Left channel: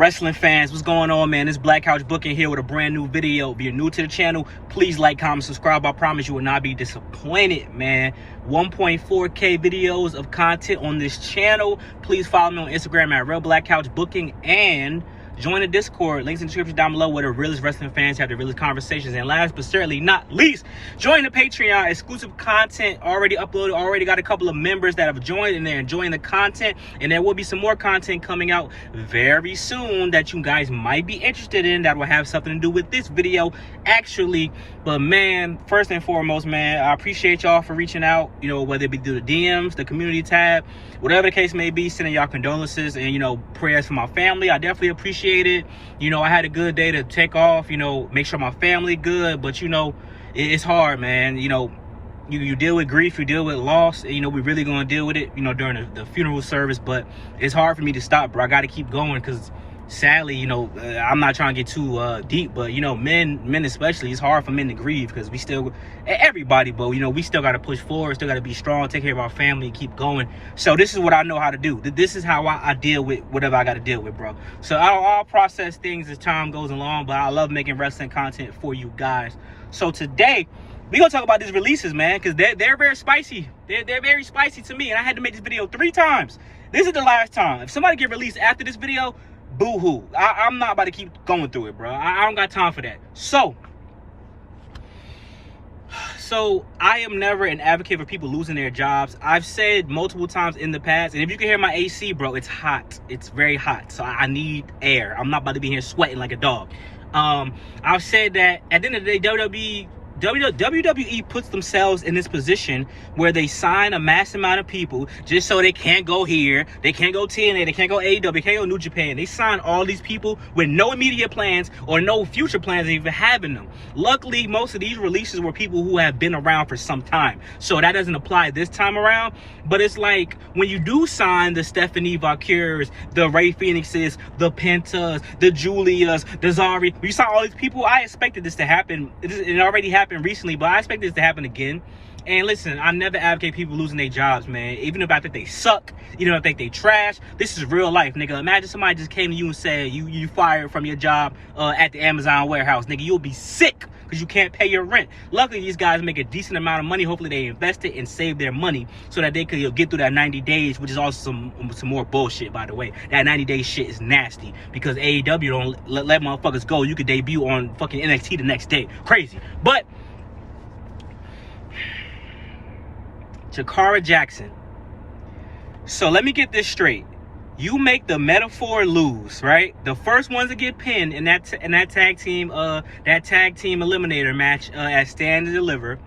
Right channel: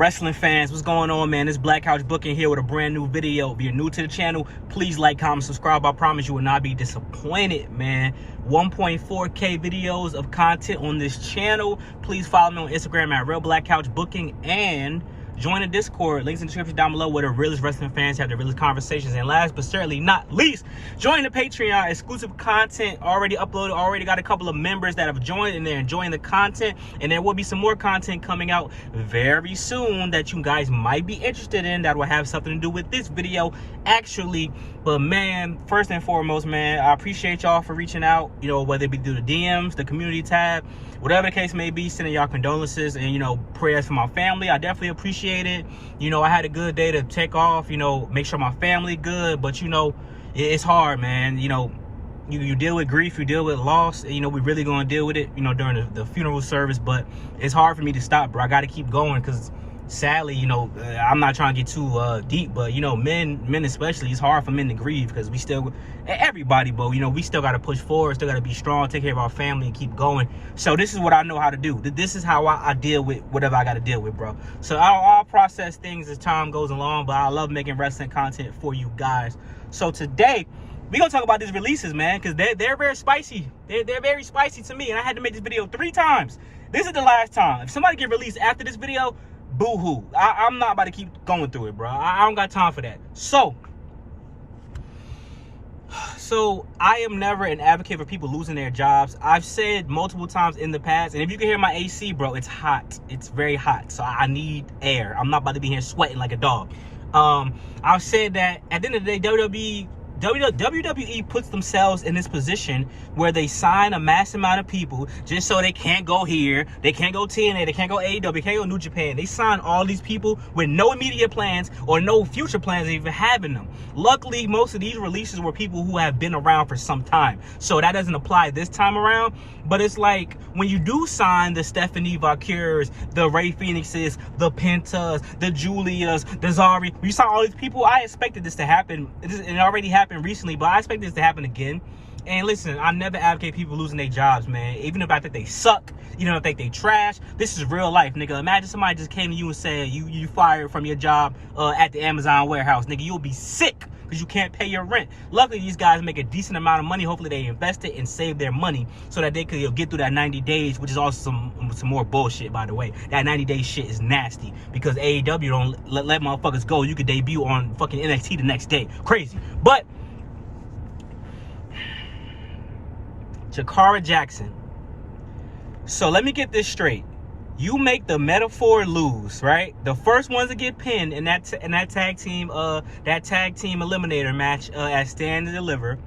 Wrestling fans, what's going on, man? It's Black Couch Booking here with a brand new video. If you're new to the channel, please like, comment, subscribe. I promise you will not be disappointed, man. 1.4K videos of content on this channel. Please follow me on Instagram at Real Black Couch Booking and join the Discord. Links in the description down below where the realest wrestling fans have the realest conversations. And last but certainly not least, join the Patreon. Exclusive content already uploaded. Already got a couple of members that have joined and they're enjoying the content. And there will be some more content coming out very soon that you guys might be interested in that will have something to do with this video actually. But man, first and foremost, man, I appreciate y'all for reaching out, you know, whether it be through the DMs, the community tab, whatever the case may be, sending y'all condolences and, you know, prayers for my family. I definitely appreciate it. You know, I had a good day to take off, you know, make sure my family good, but you know, it's hard, man. You know, you deal with grief, you deal with loss, you know, we really gonna deal with it, you know, during the funeral service, but it's hard for me to stop, bro. I gotta keep going because sadly, you know, I'm not trying to get too deep, but you know, men especially, it's hard for men to grieve because we still, everybody, but you know, we still got to push forward, still got to be strong, take care of our family and keep going. So this is what I know how to do. This is how I deal with whatever I got to deal with, bro. So I'll process things as time goes along, but I love making wrestling content for you guys. So today we're gonna talk about these releases, man, because they're very spicy. They're very spicy to me, and I had to make this video 3 times. This is the last time. If somebody get released after this video, boo-hoo. I'm not about to keep going through it, bro. I don't got time for that. So I am never an advocate for people losing their jobs. I've said multiple times in the past, and if you can hear my AC, bro, it's hot. It's very hot, so I need air. I'm not about to be here sweating like a dog. I've said that at the end of the day, WWE puts themselves in this position where they sign a mass amount of people just so they can't go here, they can't go TNA, they can't go AEW, they can't go New Japan. They sign all these people with no immediate plans or no future plans of even having them. Luckily, most of these releases were people who have been around for some time, so that doesn't apply this time around. But it's like when you do sign the Stephanie Valkyries, the Ray Phoenixes, the Pentas, the Julias, the Zari, you saw all these people. I expected this to happen. It already happened recently, but I expect this to happen again. And listen, I never advocate people losing their jobs, man. Even if I think they suck, even if I think they trash, this is real life, nigga. Imagine somebody just came to you and said you fired from your job at the Amazon warehouse, nigga. You'll be sick because you can't pay your rent. Luckily, these guys make a decent amount of money. Hopefully, they invest it and save their money so that they could get through that 90 days, which is also some more bullshit, by the way. That 90-day shit is nasty because AEW don't let motherfuckers go. You could debut on fucking NXT the next day. Crazy. But Jakara Jackson. So let me get this straight. You make the metaphor lose, right? The first ones to get pinned in that tag team eliminator match at Stand and Deliver.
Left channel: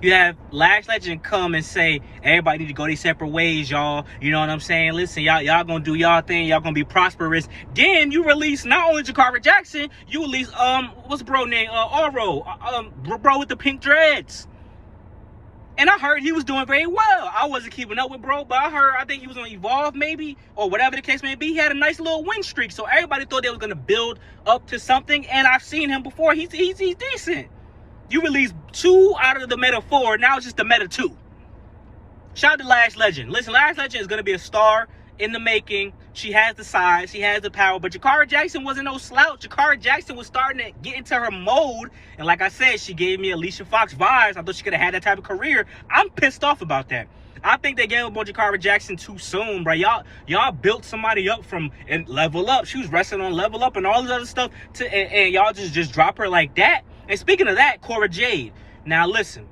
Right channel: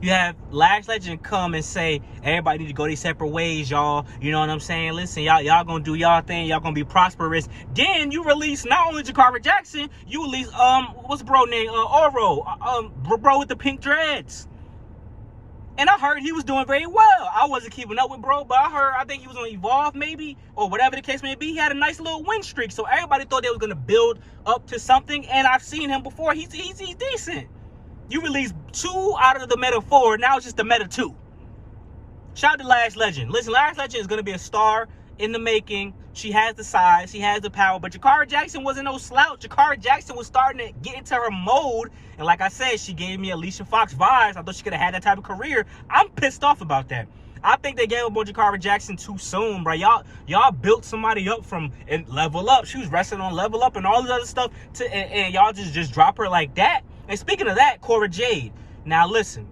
You have Lash Legend come and say, everybody need to go their separate ways, y'all. You know what I'm saying? Listen, y'all gonna do y'all thing. Y'all gonna be prosperous. Then you release not only Jakara Jackson, you release what's bro name? Oro, bro with the pink dreads. And I heard he was doing very well. I wasn't keeping up with bro, but I think he was on Evolve maybe, or whatever the case may be. He had a nice little win streak, so everybody thought they was gonna build up to something. And I've seen him before. He's decent. You released 2 out of the meta 4. Now it's just the meta 2. Shout out to Lash Legend. Listen, Lash Legend is gonna be a star in the making. She has the size, she has the power, but Jakara Jackson wasn't no slouch. Jakara Jackson was starting to get into her mode, and like I said, she gave me Alicia Fox vibes. I thought she could have had that type of career. I'm pissed off about that. I think they gave up on Jakara Jackson too soon, bro. Y'all built somebody up from and Level Up. She was wrestling on Level Up and all this other stuff, and y'all just drop her like that. And speaking of that, Cora Jade. Now listen,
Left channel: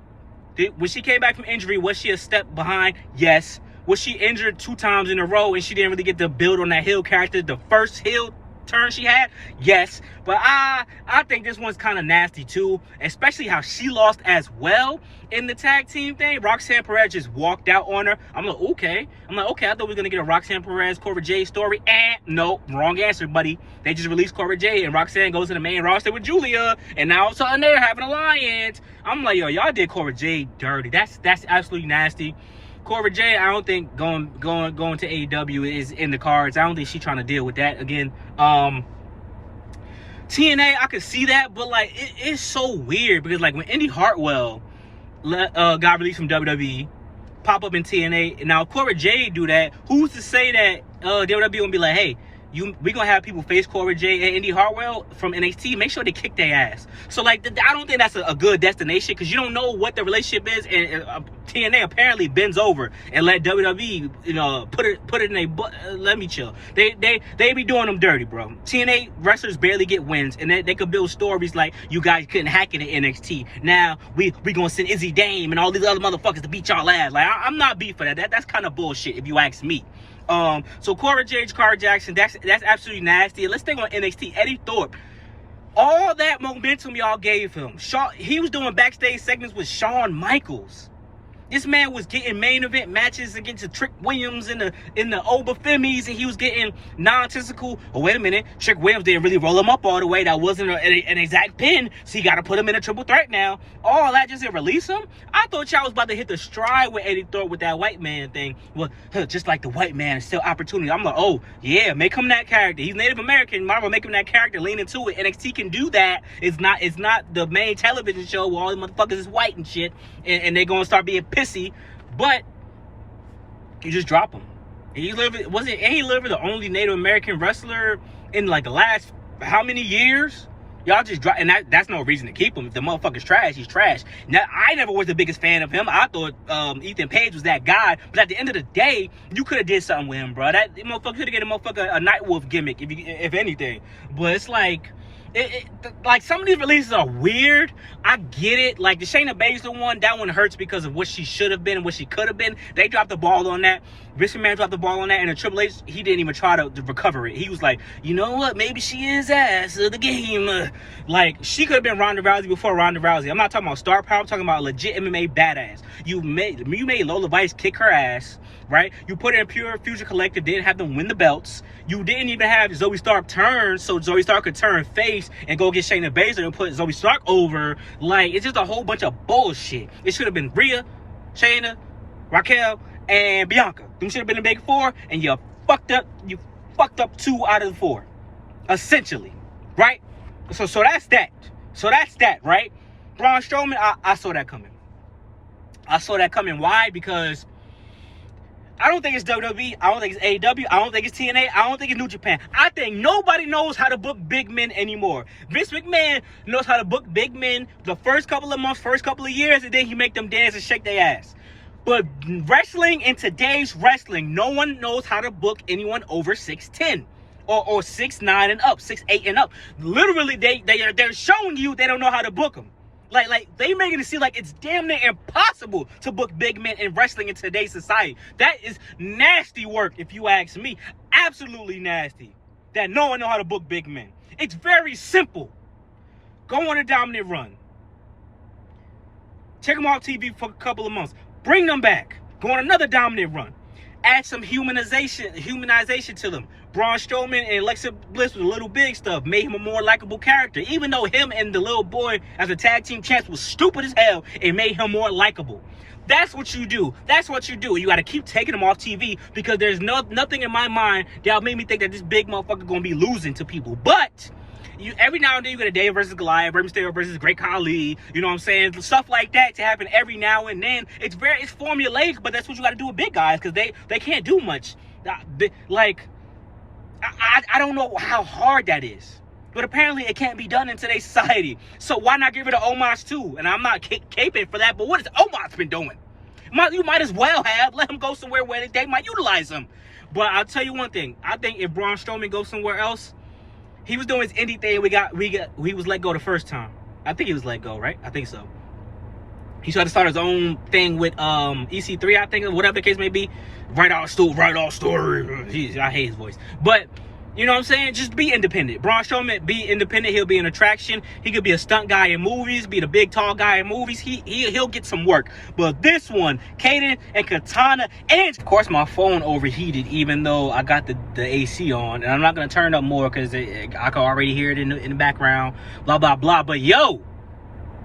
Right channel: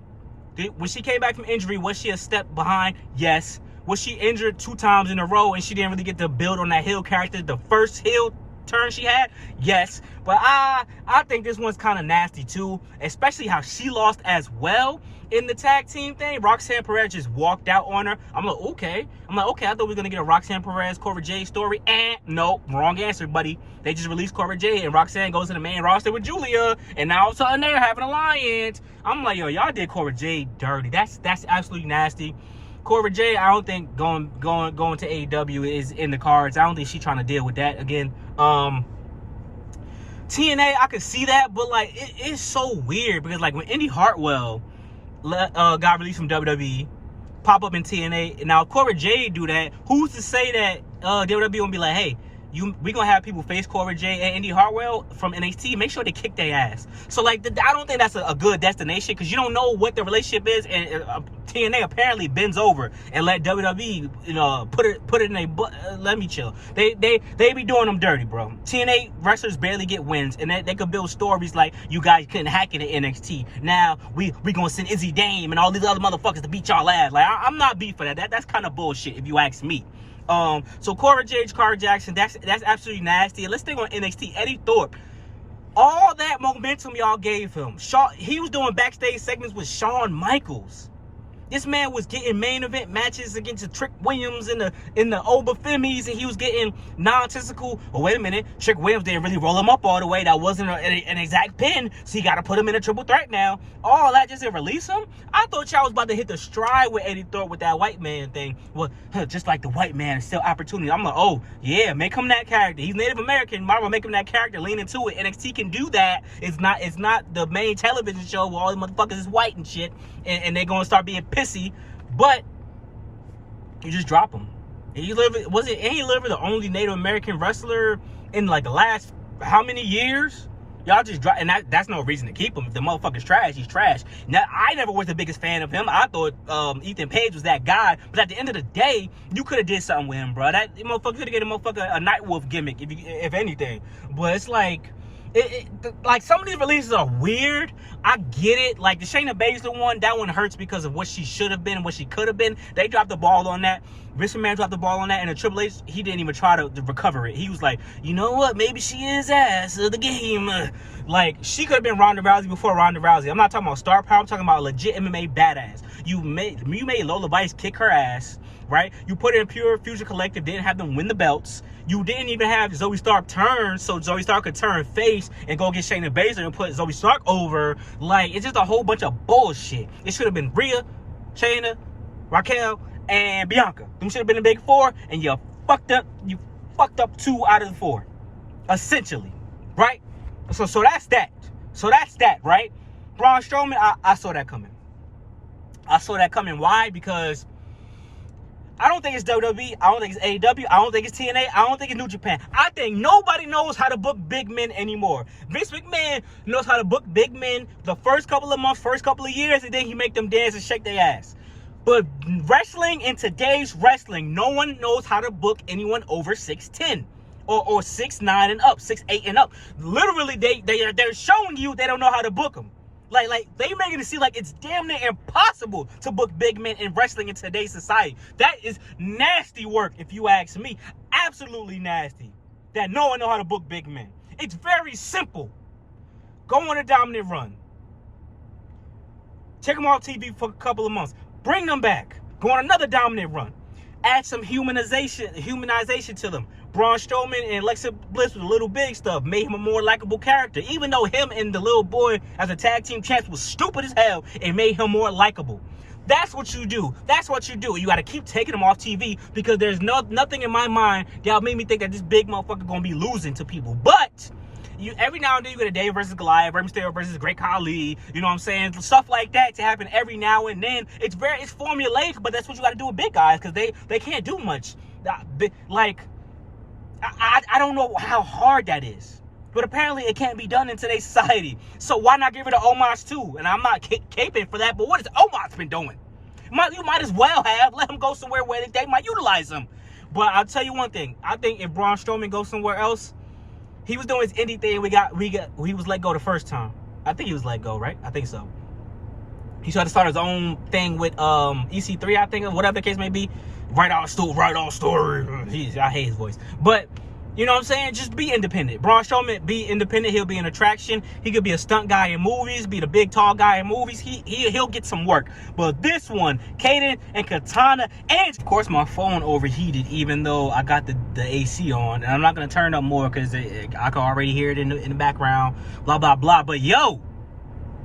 when she came back from injury, was she a step behind? Yes. Was she injured 2 times in a row and she didn't really get to build on that heel character, the first heel turn she had? Yes. But I think this one's kind of nasty too, especially how she lost as well in the tag team thing. Roxanne Perez just walked out on her. I'm like, okay. I thought we were going to get a Roxanne Perez, Cora Jade story. And no, wrong answer, buddy. They just released Cora Jade and Roxanne goes to the main roster with Julia. And now all of a sudden they're having an alliance. I'm like, yo, y'all did Cora Jade dirty. That's absolutely nasty. Cora Jade, I don't think going to AEW is in the cards. I don't think she's trying to deal with that again. TNA, I could see that, but like it's so weird because like when Indy Hartwell got released from WWE, pop up in TNA, and now if Cora Jade do that, who's to say that WWE won't be like, hey, we gonna have people face Cora Jade and Indy Hartwell from NXT. Make sure they kick their ass. So like, I don't think that's a good destination, because you don't know what the relationship is. And TNA apparently bends over and let WWE, you know, put it in a butt. Let me chill. They be doing them dirty, bro. TNA wrestlers barely get wins, and they could build stories like, you guys couldn't hack it in NXT. Now we gonna send Izzy Dame and all these other motherfuckers to beat y'all ass. Like, I'm not beef for that. That's kind of bullshit if you ask me. So Cora Jade, Jakara Jackson, that's absolutely nasty. And let's think on NXT. Eddie Thorpe, all that momentum y'all gave him. He was doing backstage segments with Shawn Michaels. This man was getting main event matches against Trick Williams in the Obafemis, and he was getting non-testicle. Oh, wait a minute, Trick Williams didn't really roll him up all the way. That wasn't an exact pin, so you got to put him in a triple threat now. All that just to release him? I thought y'all was about to hit the stride with Eddie Thorpe with that white man thing. Well, just like the white man is still opportunity. I'm like, oh yeah, make him that character. He's Native American. Might as well make him that character. Lean into it. NXT can do that. It's not the main television show where all the motherfuckers is white and shit, and they're gonna start being pissy. But you just drop him. And he literally the only Native American wrestler in like the last how many years? Y'all just drop, and that's no reason to keep him. If the motherfucker's trash, he's trash. Now, I never was the biggest fan of him. I thought Ethan Page was that guy. But at the end of the day, you could have did something with him, bro. That motherfucker could have given a motherfucker a Nightwolf gimmick, if anything. But it's like, like some of these releases are weird. I get it. Like the Shayna Baszler one, that one hurts because of what she should have been and what she could have been. They dropped the ball on that. Vince McMahon dropped the ball on that, and the Triple H, he didn't even try to recover it. He was like, you know what? Maybe she is ass of the game. Like, she could have been Ronda Rousey before Ronda Rousey. I'm not talking about star power. I'm talking about legit MMA badass. You made Lola Vice kick her ass, right? You put her in Pure Future Collective, didn't have them win the belts. You didn't even have Zoe Stark turn, so Zoe Stark could turn face and go get Shayna Baszler and put Zoe Stark over. Like, it's just a whole bunch of bullshit. It should have been Rhea, Shayna, Raquel, and Bianca. Them should have been the big four, and you fucked up 2 out of the 4. Essentially. Right? So that's that. So that's that, right? Braun Strowman, I saw that coming. I saw that coming. Why? Because I don't think it's WWE. I don't think it's AEW. I don't think it's TNA. I don't think it's New Japan. I think nobody knows how to book big men anymore. Vince McMahon knows how to book big men the first couple of months, first couple of years, and then he make them dance and shake their ass. But wrestling, in today's wrestling, no one knows how to book anyone over 6'10". Or 6'9" and up, 6'8" and up. Literally, they're showing you they don't know how to book them. Like they making it seem like it's damn near impossible to book big men in wrestling in today's society. That is nasty work, if you ask me. Absolutely nasty. That no one know how to book big men. It's very simple. Go on a dominant run. Take them off TV for a couple of months. Bring them back. Go on another dominant run. Add some humanization to them. Braun Strowman and Alexa Bliss with the little big stuff made him a more likable character. Even though him and the little boy as a tag team champs was stupid as hell, it made him more likable. That's what you do. That's what you do. You got to keep taking them off TV, because there's nothing in my mind that'll make me think that this big motherfucker gonna be losing to people. But every now and then you get a David versus Goliath, Rey Mysterio versus Great Khali, you know what I'm saying? Stuff like that to happen every now and then. It's formulaic, but that's what you got to do with big guys, because they can't do much. Like, I don't know how hard that is, but apparently it can't be done in today's society. So why not give it an homage too? And I'm not caping for that, but what has Omos been doing? You might as well have let him go somewhere where they might utilize him. But I'll tell you one thing. I think if Braun Strowman goes somewhere else, he was doing his indie thing. He was let go the first time. I think he was let go, right? I think so. He tried to start his own thing with EC3, I think, or whatever the case may be. Write our story. I hate his voice. But, you know what I'm saying? Just be independent. Braun Strowman, be independent. He'll be an attraction. He could be a stunt guy in movies, be the big, tall guy in movies. He'll get some work. But this one, Kaden and Katana, and of course my phone overheated, even though I got the AC on. And I'm not going to turn up more because I can already hear it in the background. Blah, blah, blah. But yo,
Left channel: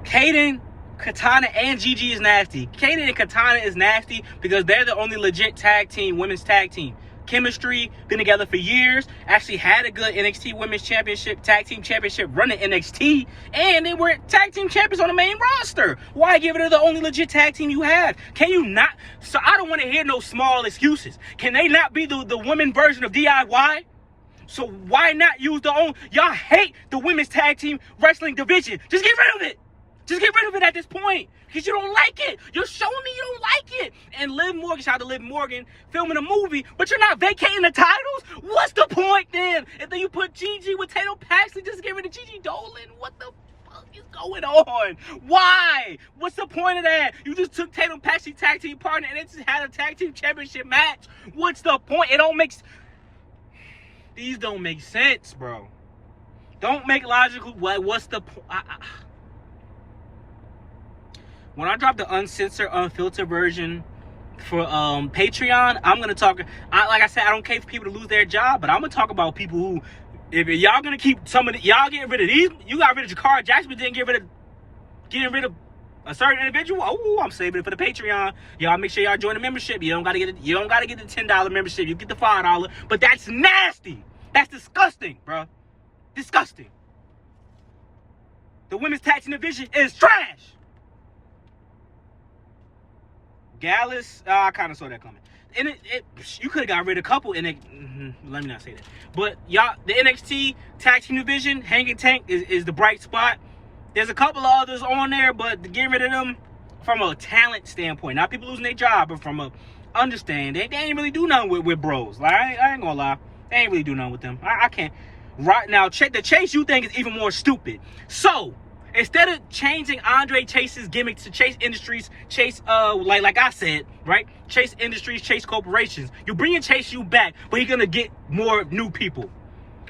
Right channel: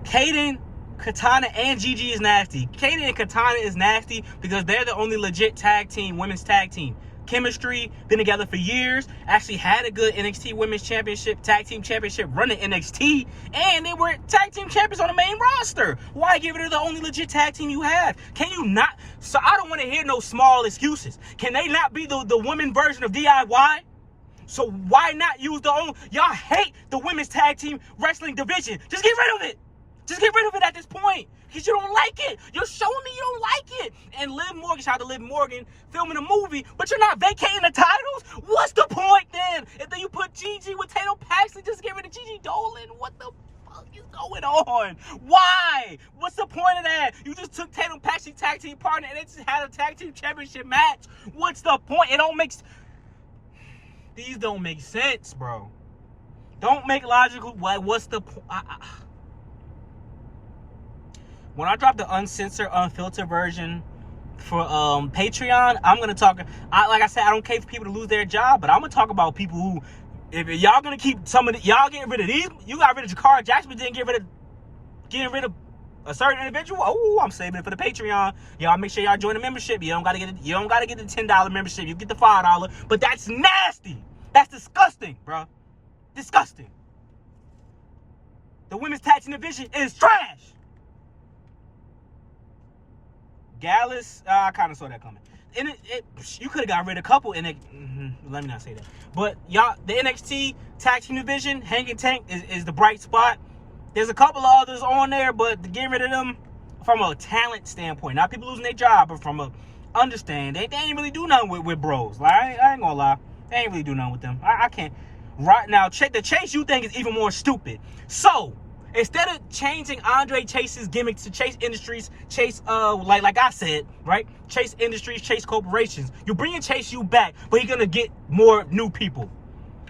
Kaden, Katana, and Gigi is nasty. Kaden and Katana is nasty because they're the only legit tag team, women's tag team. Chemistry, been together for years, actually had a good NXT Women's Championship, Tag Team Championship run at NXT, and they were tag team champions on the main roster. Why give it to the only legit tag team you have? Can you not? So I don't want to hear no small excuses. Can they not be the women version of DIY? So why not use the own? Y'all hate the women's tag team wrestling division. Just get rid of it. Just get rid of it at this point. Because you don't like it. You're showing me you don't like it. And Liv Morgan, shout out to Liv Morgan, filming a movie, but you're not vacating the titles? What's the point then? And then you put Gigi with Tatum Paxley just to get rid of Gigi Dolan. What the fuck is going on? Why? What's the point of that? You just took Tatum Paxley tag team partner and it just had a tag team championship match. What's the point? It don't make... These don't make sense, bro. Don't make logical... What's the point? When I drop the uncensored, unfiltered version for Patreon, I'm gonna talk. Like I said, I don't care for people to lose their job, but I'm gonna talk about people who, if y'all gonna keep some of the, y'all getting rid of these, you got rid of Jakara Jackson, but didn't getting rid of a certain individual. Oh, I'm saving it for the Patreon. Y'all make sure y'all join the membership. You don't gotta get the $10 membership. You get the $5, but that's nasty. That's disgusting, bro. Disgusting. The women's tag team division is trash. Gallus, I kind of saw that coming. And you could have got rid of a couple in it. Let me not say that. But y'all, the NXT tag team division, Hanging Tank is the bright spot. There's a couple of others on there, but to get rid of them from a talent standpoint, not people losing their job, but from a understand, they ain't really do nothing with bros. Like I ain't gonna lie, they ain't really do nothing with them. I can't. Right now, the Chase U thing is even more stupid. So instead of changing Andre Chase's gimmick to Chase Industries, Chase, like I said, right? Chase Industries, Chase Corporations. You're bringing Chase U back, but you're gonna get more new people.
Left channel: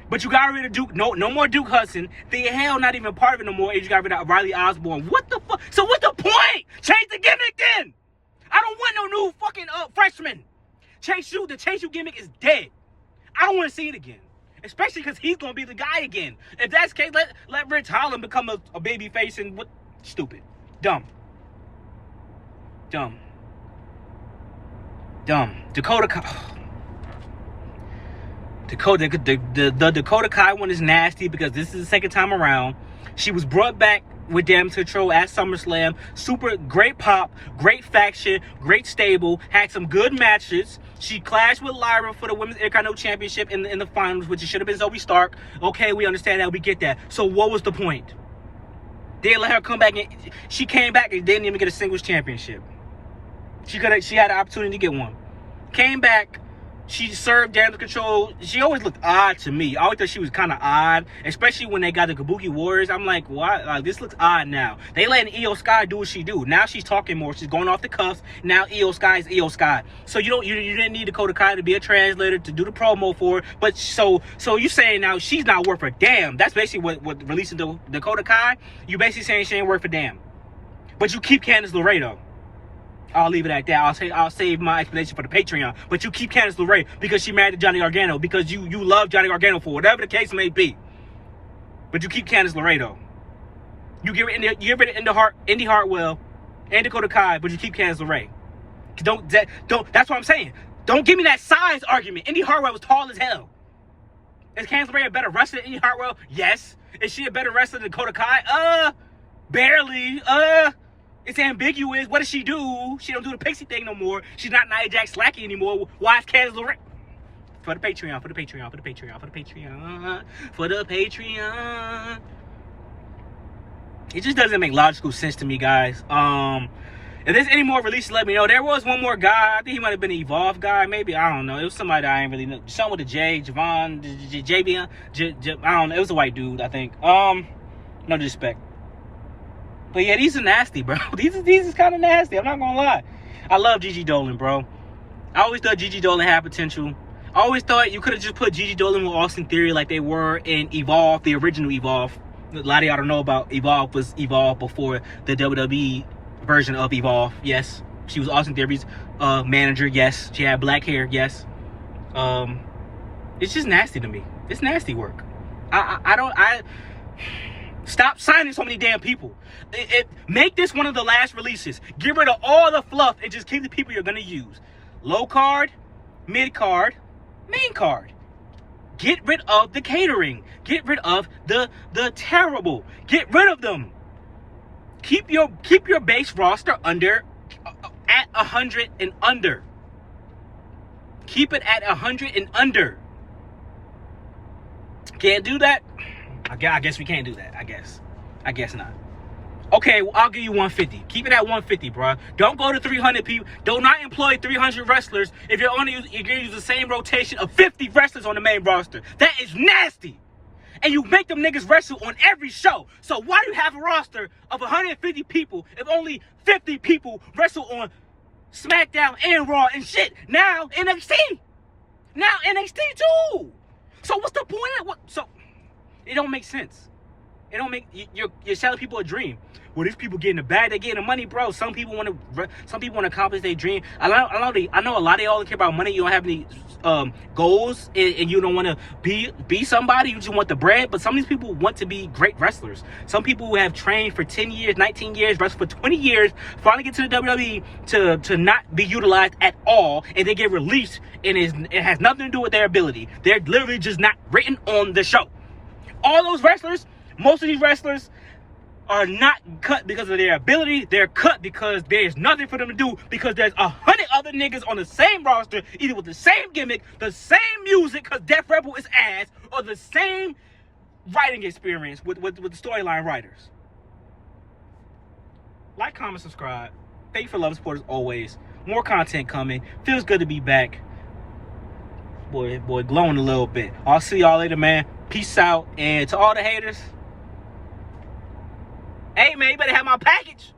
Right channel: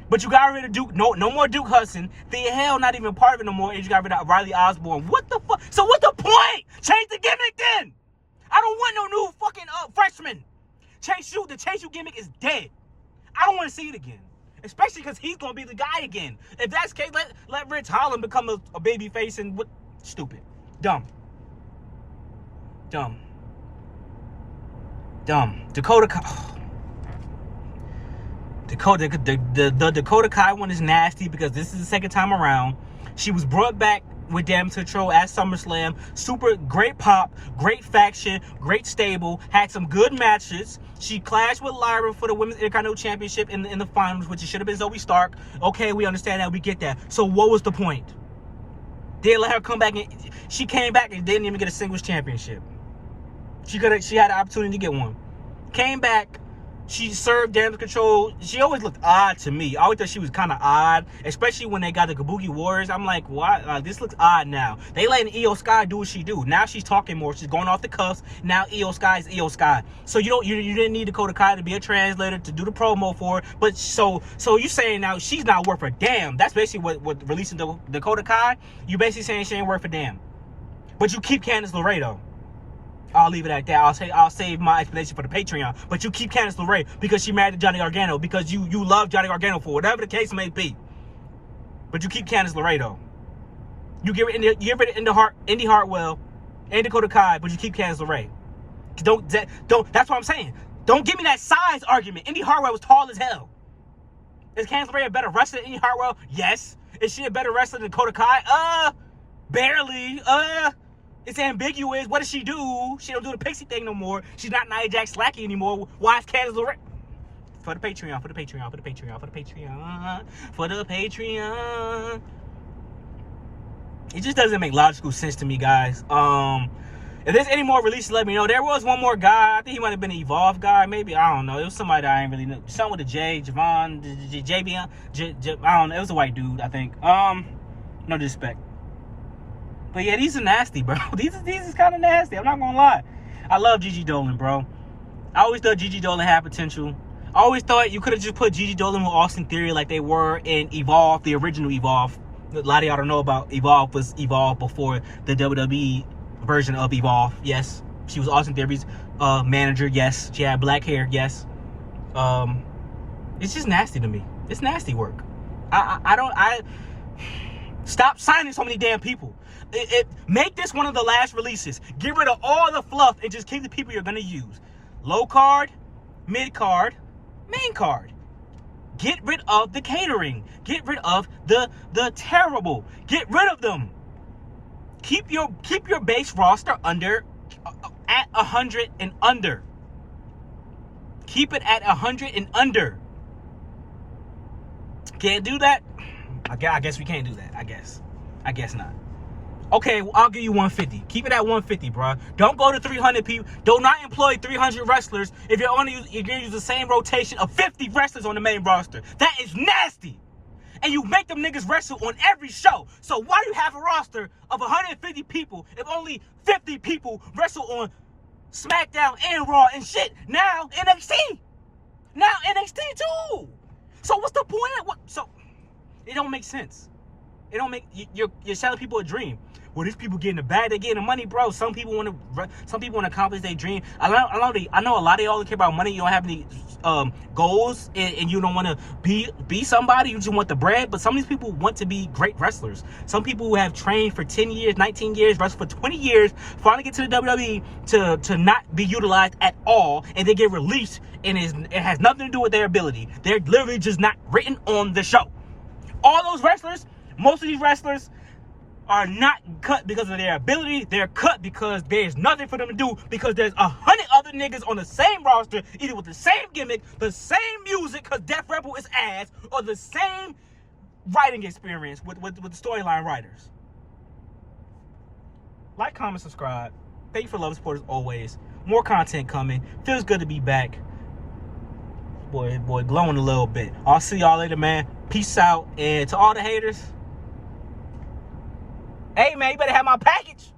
But you got rid of Duke. No more Duke Hudson. The hell, not even part of it no more. And you got rid of Riley Osborne. What the fuck? So what's the point? Change the gimmick then. I don't want no new fucking freshman. Chase U, the Chase U gimmick is dead. I don't want to see it again. Especially because he's going to be the guy again. If that's the case, let Rich Holland become a baby face and what? Stupid. Dumb. Dakota Kai. The Dakota Kai one is nasty because this is the second time around. She was brought back with Damage Control at SummerSlam. Super great pop, great faction, great stable, had some good matches. She clashed with Lyra for the Women's Intercontinental Championship in the finals, which it should have been Zoe Stark. Okay, we understand that, we get that. So what was the point? They let her come back and she came back and didn't even get a singles championship. She had an opportunity to get one. Came back. She served Damage Control. She always looked odd to me. I always thought she was kind of odd, especially when they got the Kabuki Warriors. I'm like, why? Like, this looks odd now. They letting Io Sky do what she do. Now she's talking more. She's going off the cuffs. Now Io Sky is Io Sky. So you didn't need Dakota Kai to be a translator to do the promo for her. But so you saying now she's not worth a damn. That's basically what releasing Dakota Kai. You basically saying she ain't worth a damn. But you keep Candice LeRae though. I'll leave it at that. I'll save my explanation for the Patreon. But you keep Candice LeRae because she married to Johnny Gargano, because you love Johnny Gargano for whatever the case may be. But you keep Candice LeRae though. You get rid of Indy Hartwell and Dakota Kai, but you keep Candice LeRae. Don't. That's what I'm saying. Don't give me that size argument. Indy Hartwell was tall as hell. Is Candice LeRae a better wrestler than Indy Hartwell? Yes. Is she a better wrestler than Dakota Kai? Barely. It's ambiguous. What does she do? She don't do the pixie thing no more. She's not Nia Jax Slacky anymore. Why is Candice LeRae? For the Patreon. It just doesn't make logical sense to me, guys. If there's any more releases, let me know. There was one more guy. I think he might have been an Evolve guy. Maybe. I don't know. It was somebody that I ain't really know. Something with a J. Javon. JB. I don't know. It was a white dude, I think. No disrespect. But yeah, these are nasty, bro. These is kind of nasty. I'm not gonna lie. I love Gigi Dolan, bro. I always thought Gigi Dolan had potential. I always thought you could have just put Gigi Dolan with Austin Theory like they were in Evolve, the original Evolve. A lot of y'all don't know about Evolve. Was Evolve before the WWE version of Evolve? Yes. She was Austin Theory's manager. Yes. She had black hair. Yes. It's just nasty to me. It's nasty work. I stop signing so many damn people. Make this one of the last releases. Get rid of all the fluff and just keep the people you're gonna use. Low card, mid card, main card. Get rid of the catering. Get rid of the terrible. Get rid of them. Keep your base roster under at 100 and under. Keep it at 100 and under. Can't do that? I guess we can't do that. I guess not. Okay, well, I'll give you 150. Keep it at 150, bro. Don't go to 300 people. Do not employ 300 wrestlers if you're going to use the same rotation of 50 wrestlers on the main roster. That is nasty. And you make them niggas wrestle on every show. So why do you have a roster of 150 people if only 50 people wrestle on Smackdown and Raw and shit? Now NXT. Now NXT too. So what's the point of what? So it don't make sense. It don't make you're selling people a dream. Well, these people getting the bag, they getting the money, bro. Some people want to accomplish their dream. I know a lot of y'all care about money. You don't have any goals, and you don't want to be somebody. You just want the bread. But some of these people want to be great wrestlers. Some people who have trained for 10 years, 19 years, wrestled for 20 years, finally get to the WWE to not be utilized at all, and they get released, and it has nothing to do with their ability. They're literally just not written on the show. All those wrestlers, most of these wrestlers are not cut because of their ability. They're cut because there's nothing for them to do, because there's 100 other niggas on the same roster, either with the same gimmick, the same music, because Def Rebel is ass, or the same writing experience with the storyline writers. Like, comment, subscribe. Thank you for love and support as always. More content coming. Feels good to be back. Boy, glowing a little bit. I'll see y'all later, man. Peace out. And to all the haters, hey, man, you better have my package.